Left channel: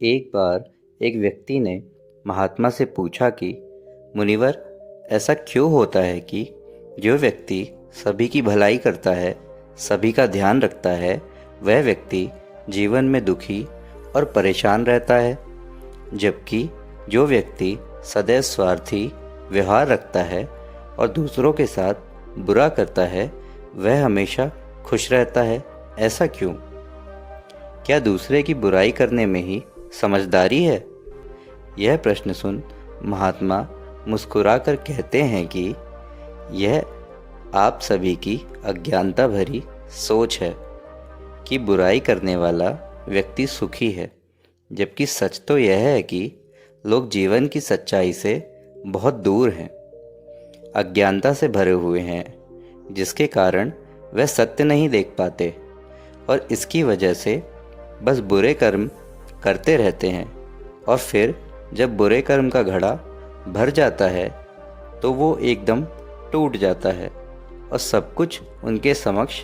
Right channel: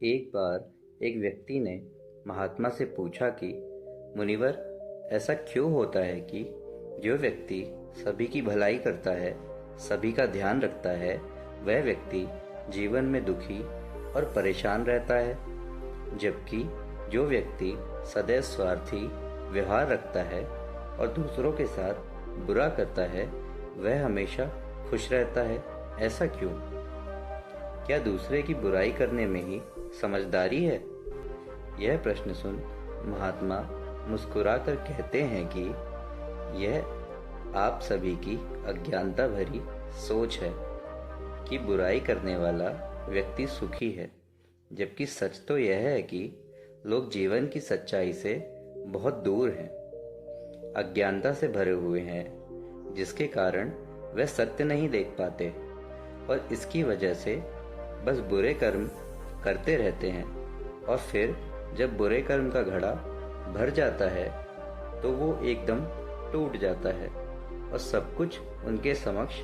एक बार एक व्यक्ति ने महात्मा से पूछा कि मुनिवर, ऐसा क्यों होता है कि जो व्यक्ति सभी की भलाई करता है, सभी का ध्यान रखता है, वह व्यक्ति जीवन में दुखी और परेशान रहता है, जबकि जो व्यक्ति सदैव स्वार्थी व्यवहार रखता है और दूसरों के साथ बुरा करता है, वह हमेशा खुश रहता है। ऐसा क्यों? क्या दूसरे की बुराई करने में ही समझदारी है? यह प्रश्न सुन महात्मा मुस्कुराकर कहते हैं कि यह आप सभी की अज्ञानता भरी सोच है कि बुराई करने वाला व्यक्ति सुखी है, जबकि सच तो यह है कि लोग जीवन की सच्चाई से बहुत दूर हैं, अज्ञानता से भरे हुए हैं, जिसके कारण वह सत्य नहीं देख पाते और इसकी वजह से बस बुरे कर्म करते रहते हैं। और फिर जब बुरे कर्म का घड़ा भर जाता है तो वो एकदम टूट जाता है और सब कुछ उनके समक्ष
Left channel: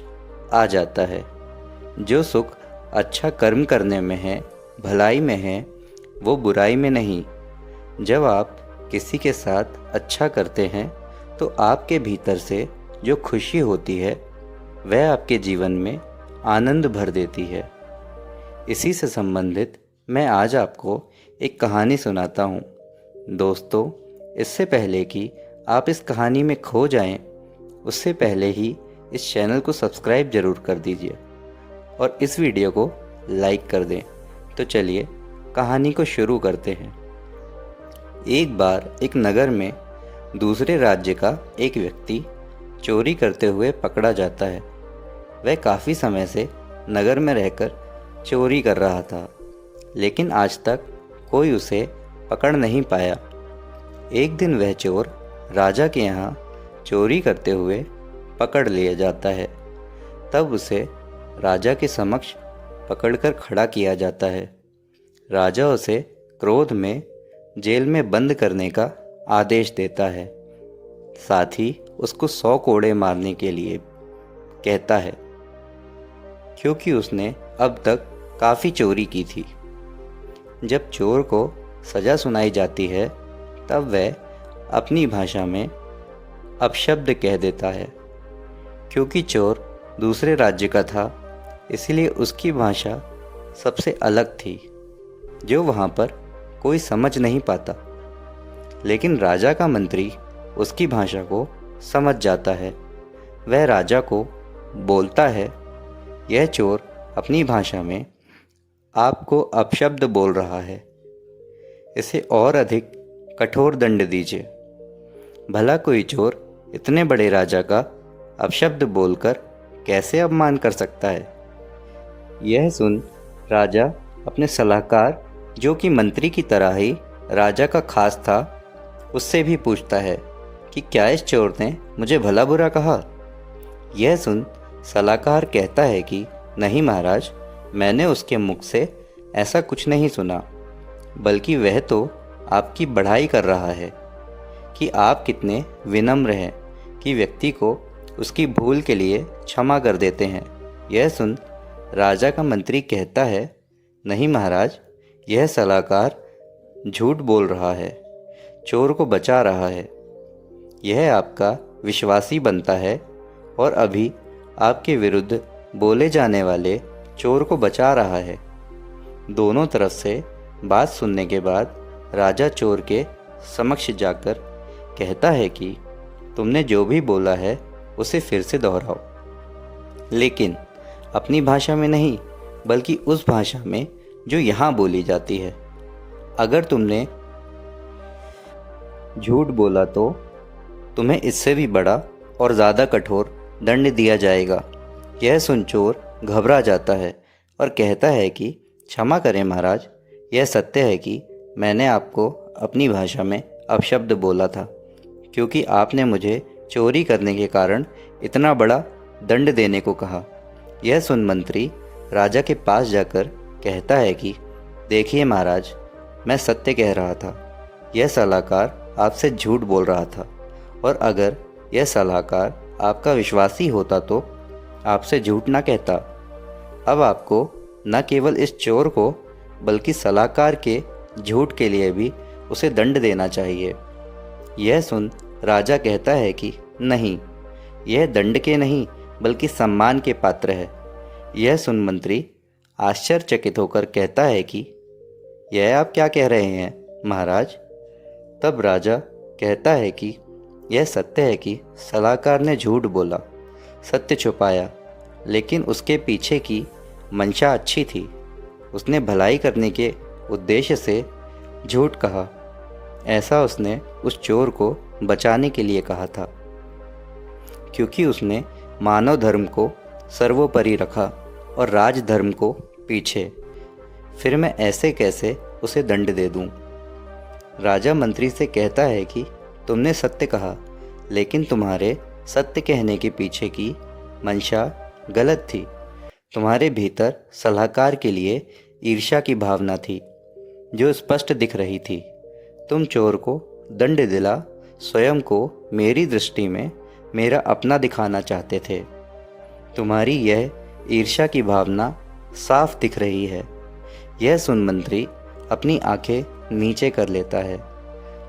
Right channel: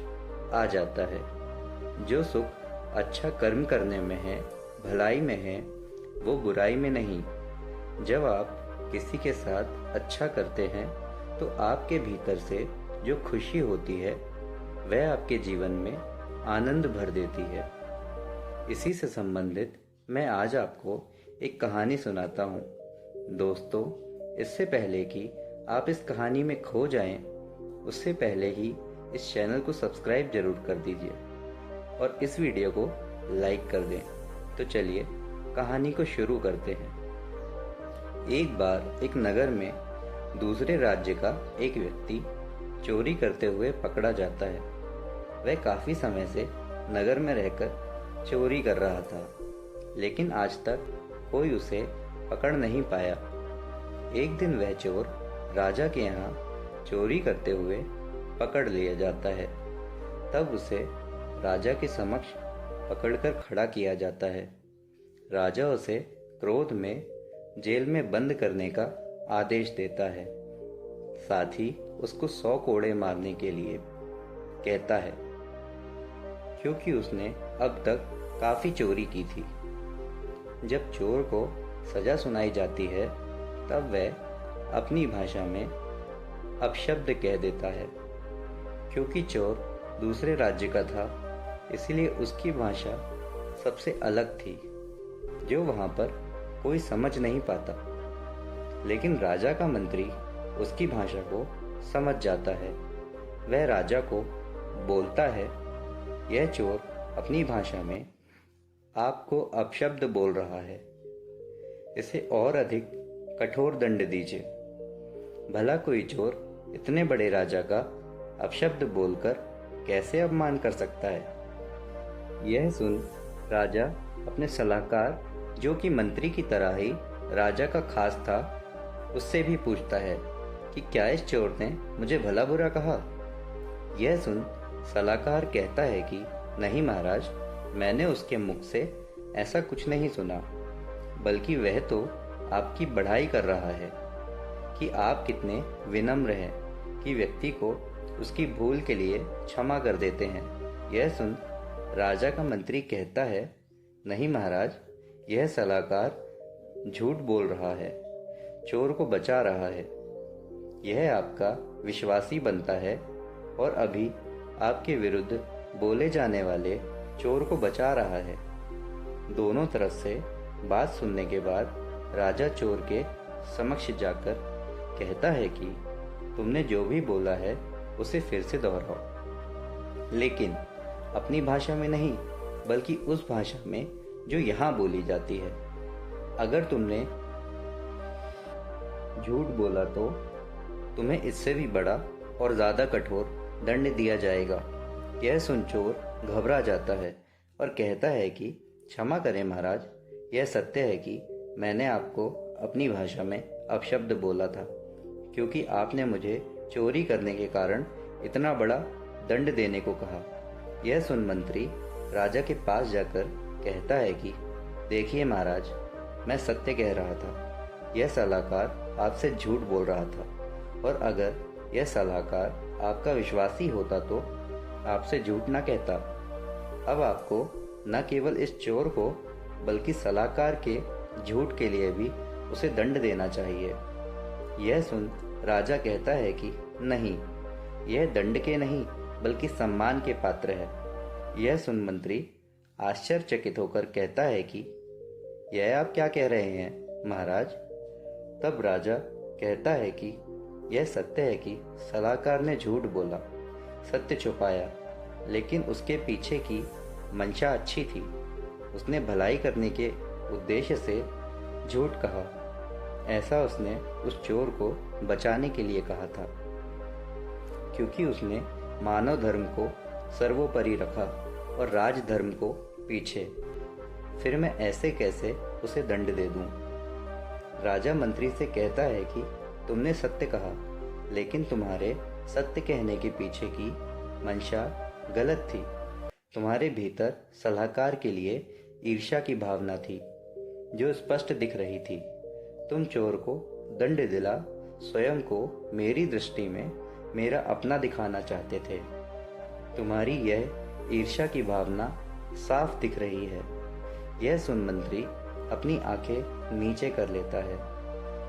आ जाता है। जो सुख अच्छा कर्म करने में है, भलाई में है, वो बुराई में नहीं। जब आप किसी के साथ अच्छा करते हैं तो आपके भीतर से जो खुशी होती है वह आपके जीवन में आनंद भर देती है। इसी से संबंधित मैं आज आपको एक कहानी सुनाता हूँ। दोस्तों, इससे पहले कि आप इस कहानी में खो जाएं, उससे पहले ही इस चैनल को सब्सक्राइब जरूर कर दीजिए और इस वीडियो को लाइक कर दें। तो चलिए कहानी को शुरू करते हैं। एक बार एक नगर में दूसरे राज्य का एक व्यक्ति चोरी करते हुए पकड़ा जाता है। वह काफ़ी समय से नगर में रहकर चोरी कर रहा था, लेकिन आज तक कोई उसे पकड़ नहीं पाया। एक दिन वह चोर राजा के यहाँ चोरी करते हुए पकड़ लिया जाता है। तब उसे राजा के समक्ष पकड़कर खड़ा किया जाता है। राजा उसे क्रोध में जेल में बंद करने का आदेश देता है। साथ ही उसको 100 कोड़े मारने के लिए कहता है, क्योंकि उसने अब तक काफ़ी चोरी की थी। जब चोर को सज़ा सुनाई जाती है तब वह अपनी भाषा में अपशब्द कह देता है। क्योंकि चोर दूसरे राज्य का था, इसलिए उसकी भाषा सबसे अलग थी, जो वहाँ पर कोई समझ नहीं पाता। लेकिन राजा का मंत्री उसकी भाषा को समझ जाता है। वह राजा को बोलता है, यह चोर अपनी भाषा में आपको अपशब्द बोल रहा है, इसे और अधिक कठोर दंड दीजिए। भला कोई चोर इतने बड़े राजा का अपशब्द बोलकर कैसे अपमान कर सकता है? यह सुन राजा अपने सलाहकार, जो कि मंत्री की तरह ही राजा का खास था, उससे भी पूछता है कि क्या इस चोर ने मुझे भला बुरा कहा? यह सुन सलाहकार कहता है कि नहीं महाराज, मैंने उसके मुख से ऐसा कुछ नहीं सुना, बल्कि वह तो आपकी बढ़ाई कर रहा है कि आप कितने विनम्र हैं कि व्यक्ति को उसकी भूल के लिए क्षमा कर देते हैं। यह सुन राजा का मंत्री कहता है, नहीं महाराज, यह सलाहकार झूठ बोल रहा है, चोर को बचा रहा है। यह आपका विश्वासी बनता है और अभी आपके विरुद्ध बोले जाने वाले चोर को बचा रहा है। दोनों तरफ से बात सुनने के बाद राजा चोर के समक्ष जाकर कहता है कि तुमने जो भी बोला है उसे फिर से दोहराओ, लेकिन अपनी भाषा में नहीं, बल्कि उस भाषा में जो यहाँ बोली जाती है। अगर तुमने झूठ बोला तो तुम्हें इससे भी बड़ा और ज़्यादा कठोर दंड दिया जाएगा। यह सुन चोर घबरा जाता है और कहता है कि क्षमा करें महाराज, यह सत्य है कि मैंने आपको अपनी भाषा में अपशब्द बोला था, क्योंकि आपने मुझे चोरी करने के कारण इतना बड़ा दंड देने को कहा। यह सुन मंत्री राजा के पास जाकर कहता है कि देखिए महाराज, मैं सत्य कह रहा था, यह सलाहकार आपसे झूठ बोल रहा था, और अगर यह सलाहकार आपका विश्वासी होता तो आपसे झूठ ना कहता। अब आपको न केवल इस चोर को बल्कि सलाहकार के झूठ के लिए भी उसे दंड देना चाहिए। यह सुन राजा कहता है कि नहीं, यह दंड के नहीं बल्कि सम्मान के पात्र है। यह सुन मंत्री आश्चर्यचकित होकर कहता है कि यह आप क्या कह रहे हैं महाराज। तब राजा कहता है कि यह सत्य है कि सलाहकार ने झूठ बोला, सत्य छुपाया, लेकिन उसके पीछे की मंशा अच्छी थी। उसने भलाई करने के उद्देश्य से झूठ कहा। ऐसा उसने उस चोर को बचाने के लिए कहा था, क्योंकि उसने मानव धर्म को सर्वोपरि रखा और राजधर्म को पीछे। फिर मैं ऐसे कैसे उसे दंड दे दूं? राजा मंत्री से कहता है कि तुमने सत्य कहा, लेकिन तुम्हारे सत्य कहने के पीछे की मंशा गलत थी। तुम्हारे भीतर सलाहकार के लिए ईर्ष्या की भावना थी, जो स्पष्ट दिख रही थी। तुम चोर को दंड दिला स्वयं को मेरी दृष्टि में मेरा अपना दिखाना चाहते थे। तुम्हारी यह ईर्ष्या की भावना साफ दिख रही है। यह सुन मंत्री अपनी आंखें नीचे कर लेता है।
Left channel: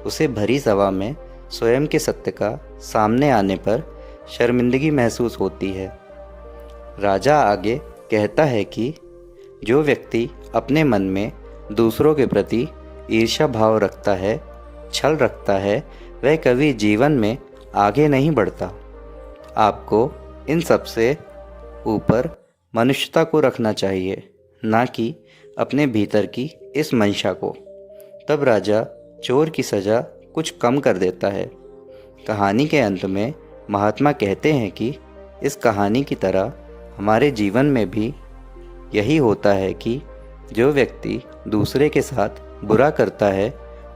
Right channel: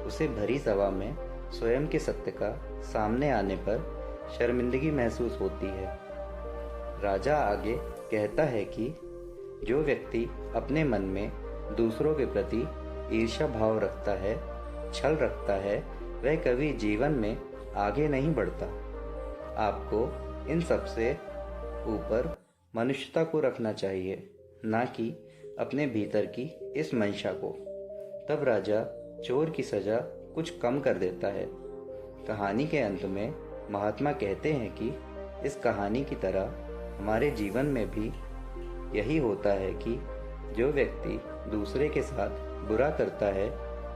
उसे भरी सभा में स्वयं के सत्य का सामने आने पर शर्मिंदगी महसूस होती है। राजा आगे कहता है कि जो व्यक्ति अपने मन में दूसरों के प्रति ईर्ष्या भाव रखता है, छल रखता है, वह कभी जीवन में आगे नहीं बढ़ता। आपको इन सब से ऊपर मनुष्यता को रखना चाहिए, ना कि अपने भीतर की इस मंशा को। तब राजा चोर की सज़ा कुछ कम कर देता है। कहानी के अंत में महात्मा कहते हैं कि इस कहानी की तरह हमारे जीवन में भी यही होता है कि जो व्यक्ति दूसरे के साथ बुरा करता है,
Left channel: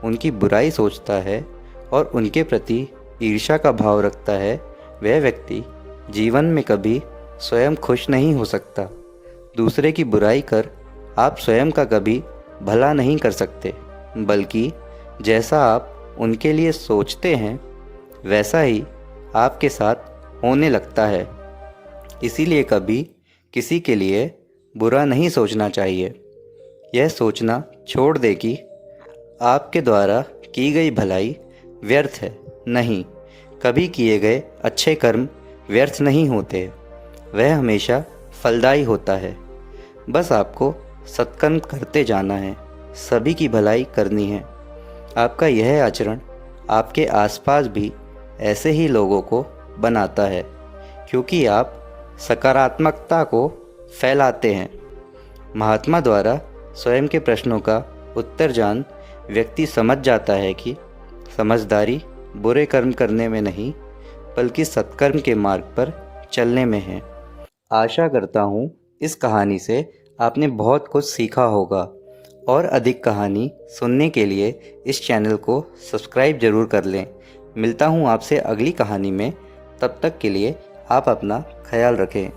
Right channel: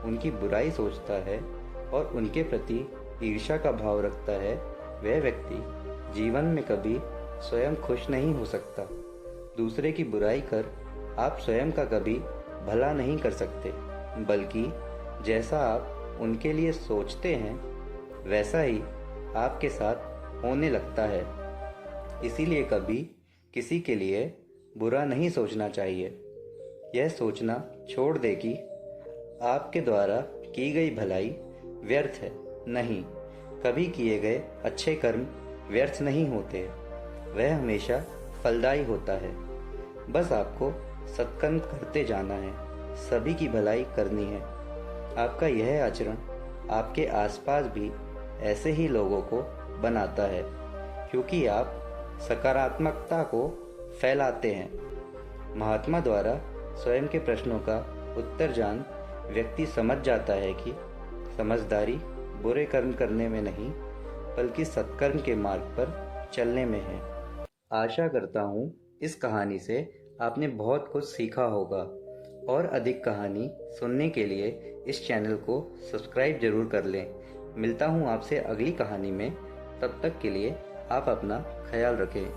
उनकी बुराई सोचता है और उनके प्रति ईर्ष्या का भाव रखता है, वह व्यक्ति जीवन में कभी स्वयं खुश नहीं हो सकता। दूसरे की बुराई कर आप स्वयं का कभी भला नहीं कर सकते, बल्कि जैसा आप उनके लिए सोचते हैं वैसा ही आपके साथ होने लगता है। इसीलिए कभी किसी के लिए बुरा नहीं सोचना चाहिए। यह सोचना छोड़ दे कि आपके द्वारा की गई भलाई व्यर्थ है। नहीं, कभी किए गए अच्छे कर्म व्यर्थ नहीं होते, वह हमेशा फलदायी होता है। बस आपको सत्कर्म करते जाना है, सभी की भलाई करनी है। आपका यह आचरण आपके आसपास भी ऐसे ही लोगों को बनाता है, क्योंकि आप सकारात्मकता को फैलाते हैं। महात्मा द्वारा स्वयं के प्रश्नों का उत्तर जान व्यक्ति समझ जाता है कि समझदारी बुरे कर्म करने में नहीं, बल्कि सत्कर्म के मार्ग पर चलने में है। आशा करता हूँ इस कहानी से आपने बहुत कुछ सीखा होगा, और अधिक कहानी सुनने के लिए इस चैनल को सब्सक्राइब ज़रूर कर लें। मिलता हूँ आपसे अगली कहानी में। तब तक के लिए आप अपना ख्याल रखें।